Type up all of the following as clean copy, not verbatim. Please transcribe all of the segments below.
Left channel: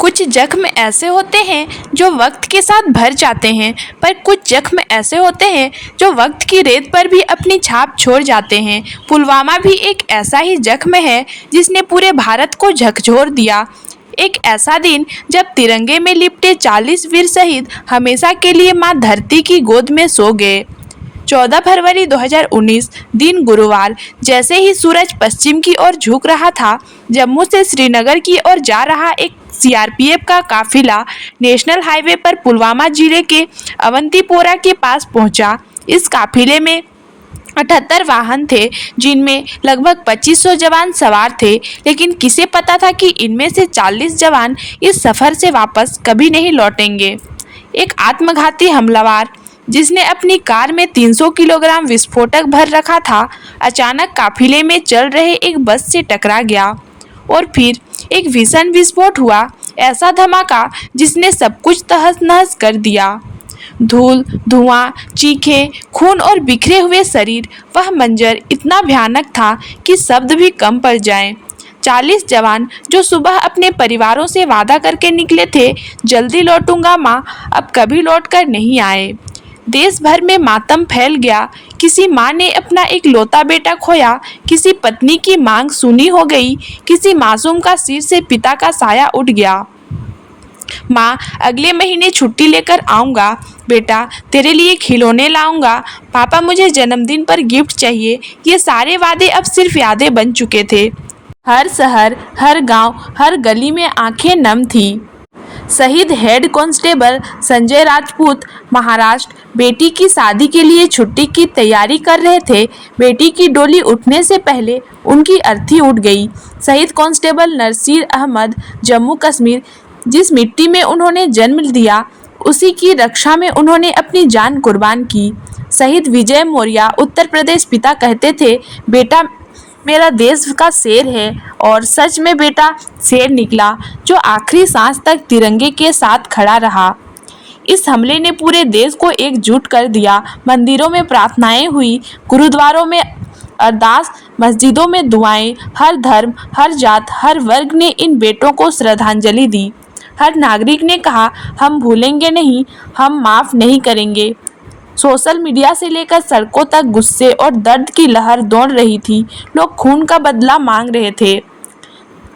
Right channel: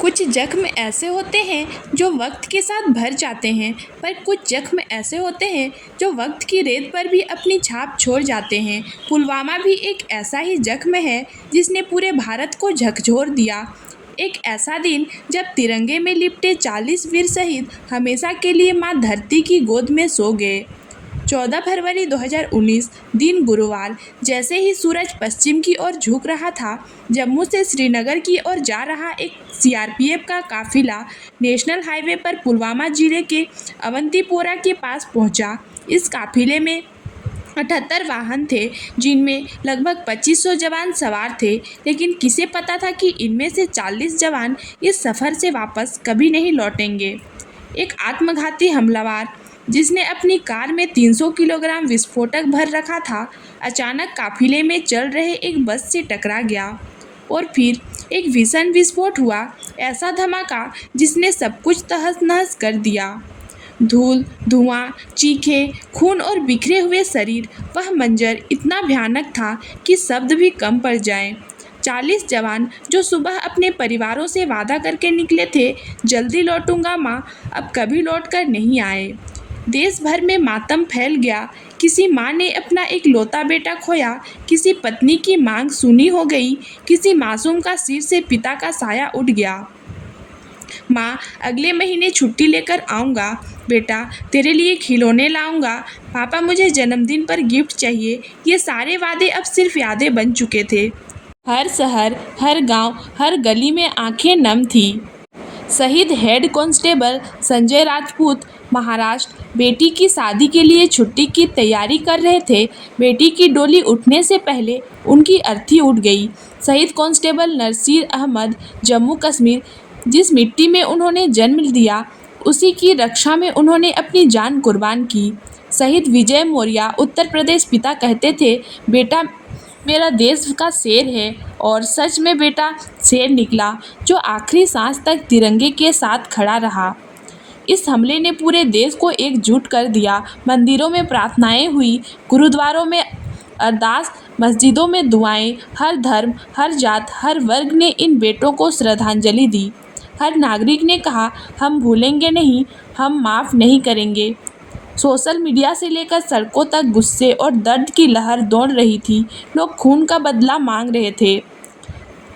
कुछ जख्म ऐसे होते हैं जो वक्त के साथ भर जाते हैं, पर कुछ जख्म ऐसे होते हैं जो वक्त की रेत पर भी अपनी छाप छोड़ जाते हैं। पुलवामा भी एक ऐसा ही जख्म है जिसने पूरे भारत को झकझोर दिया। एक ऐसा दिन जब तिरंगे में लिपटे 40 वीर शहीद हमेशा के लिए मां धरती की गोद में सो गए। 14 फरवरी 2019 दिन गुरुवार, जैसे ही सूरज पश्चिम की ओर झुक रहा था, जम्मू से श्रीनगर की ओर जा रहा एक सीआरपीएफ का काफिला नेशनल हाईवे पर पुलवामा जिले के अवंतीपोरा के पास पहुंचा। इस काफिले में 78 वाहन थे, जिनमें लगभग 2500 जवान सवार थे, लेकिन किसे पता था कि इनमें से 40 जवान इस सफ़र से वापस कभी नहीं लौटेंगे। एक आत्मघाती हमलावर जिसने अपनी कार में 300 किलोग्राम विस्फोटक भर रखा था, अचानक काफिले में चल रहे एक बस से टकरा गया और फिर एक भीषण विस्फोट हुआ। ऐसा धमाका जिसने सब कुछ तहस-नहस कर दिया। धूल, धुआं, चीखें, खून और बिखरे हुए शरीर, वह मंजर इतना भयानक था कि शब्द भी कम पड़ जाएं। 40 जवान जो सुबह अपने परिवारों से वादा करके निकले थे, जल्दी लौटूंगा माँ, अब कभी लौट कर नहीं आए। देश भर में मातम फैल गया। किसी माँ ने अपना एक लौता बेटा खोया, किसी पत्नी की मांग सुनी हो गई, किसी मासूम का सिर से पिता का साया उठ गया। माँ, अगले महीने छुट्टी लेकर आऊँगा। बेटा, तेरे लिए खिलौने लाऊंगा। पापा, मुझे जन्मदिन पर गिफ्ट चाहिए। ये सारे वादे अब सिर्फ यादें बन चुके थे। हर शहर, हर गांव, हर गली में आंखें नम थी। शहीद हेड कांस्टेबल संजय राजपूत महाराष्ट्र बेटी की शादी के लिए छुट्टी की तैयारी कर रहे थे। बेटी की डोली उठने से पहले उनकी अर्थी उठ गई। शहीद कांस्टेबल नसीर अहमद जम्मू कश्मीर, जिस मिट्टी में उन्होंने जन्म लिया, उसी की रक्षा में उन्होंने अपनी जान कुर्बान की। शहीद विजय मौर्य उत्तर प्रदेश पिता कहते थे, बेटा मेरा देश का शेर है, और सच में बेटा शेर निकला, जो आखिरी सांस तक तिरंगे के साथ खड़ा रहा। इस हमले ने पूरे देश को एकजुट कर दिया। मंदिरों में प्रार्थनाएं हुई, गुरुद्वारों में अरदास, मस्जिदों में दुआएं। हर धर्म, हर जात, हर वर्ग ने इन बेटों को श्रद्धांजलि दी। हर नागरिक ने कहा, हम भूलेंगे नहीं, हम माफ़ नहीं करेंगे। सोशल मीडिया से लेकर सड़कों तक गुस्से और दर्द की लहर दौड़ रही थी। लोग खून का बदला मांग रहे थे।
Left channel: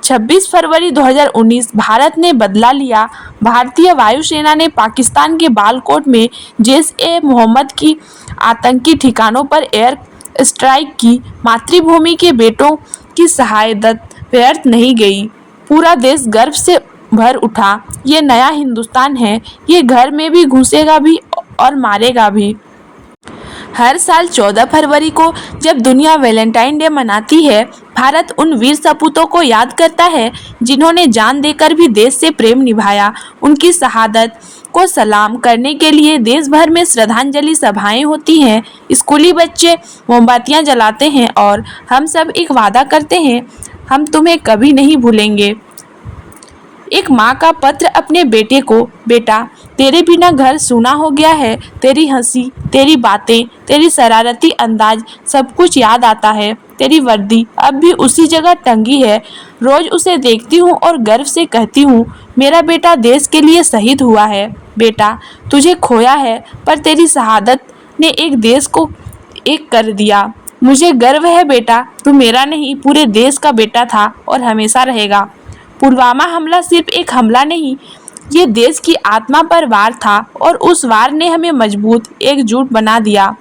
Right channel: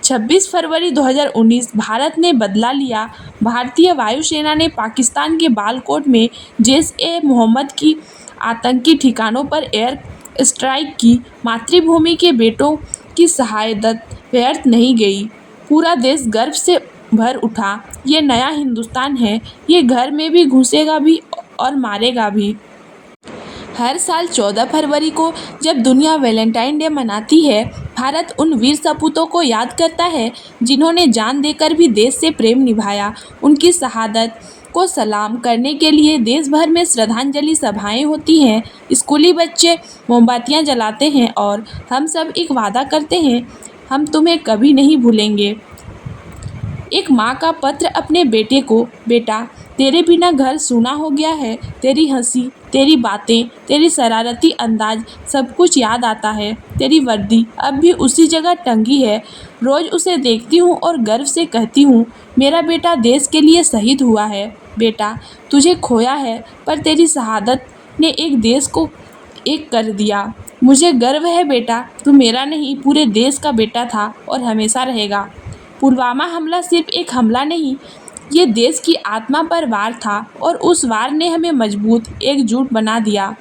26 फरवरी 2019 भारत ने बदला लिया। भारतीय वायुसेना ने पाकिस्तान के बालाकोट में जैश-ए-मोहम्मद की आतंकी ठिकानों पर एयर स्ट्राइक की। मातृभूमि के बेटों की शहादत व्यर्थ नहीं गई। पूरा देश गर्व से भर उठा। ये नया हिंदुस्तान है, ये घर में भी घुसेगा भी और मारेगा भी। हर साल 14 फरवरी को जब दुनिया वैलेंटाइन डे मनाती है, भारत उन वीर सपूतों को याद करता है जिन्होंने जान देकर भी देश से प्रेम निभाया। उनकी शहादत को सलाम करने के लिए देश भर में श्रद्धांजलि सभाएं होती हैं। स्कूली बच्चे मोमबत्तियां जलाते हैं और हम सब एक वादा करते हैं, हम तुम्हें कभी नहीं भूलेंगे। एक माँ का पत्र अपने बेटे को, बेटा तेरे बिना घर सूना हो गया है। तेरी हंसी, तेरी बातें, तेरी शरारती अंदाज, सब कुछ याद आता है। तेरी वर्दी अब भी उसी जगह टंगी है। रोज उसे देखती हूँ और गर्व से कहती हूँ, मेरा बेटा देश के लिए शहीद हुआ है। बेटा, तुझे खोया है, पर तेरी शहादत ने एक देश को एक कर दिया। मुझे गर्व है बेटा, तू मेरा नहीं, पूरे देश का बेटा था और हमेशा रहेगा। पुलवामा हमला सिर्फ एक हमला नहीं, ये देश की आत्मा पर वार था, और उस वार ने हमें मजबूत, एकजुट बना दिया।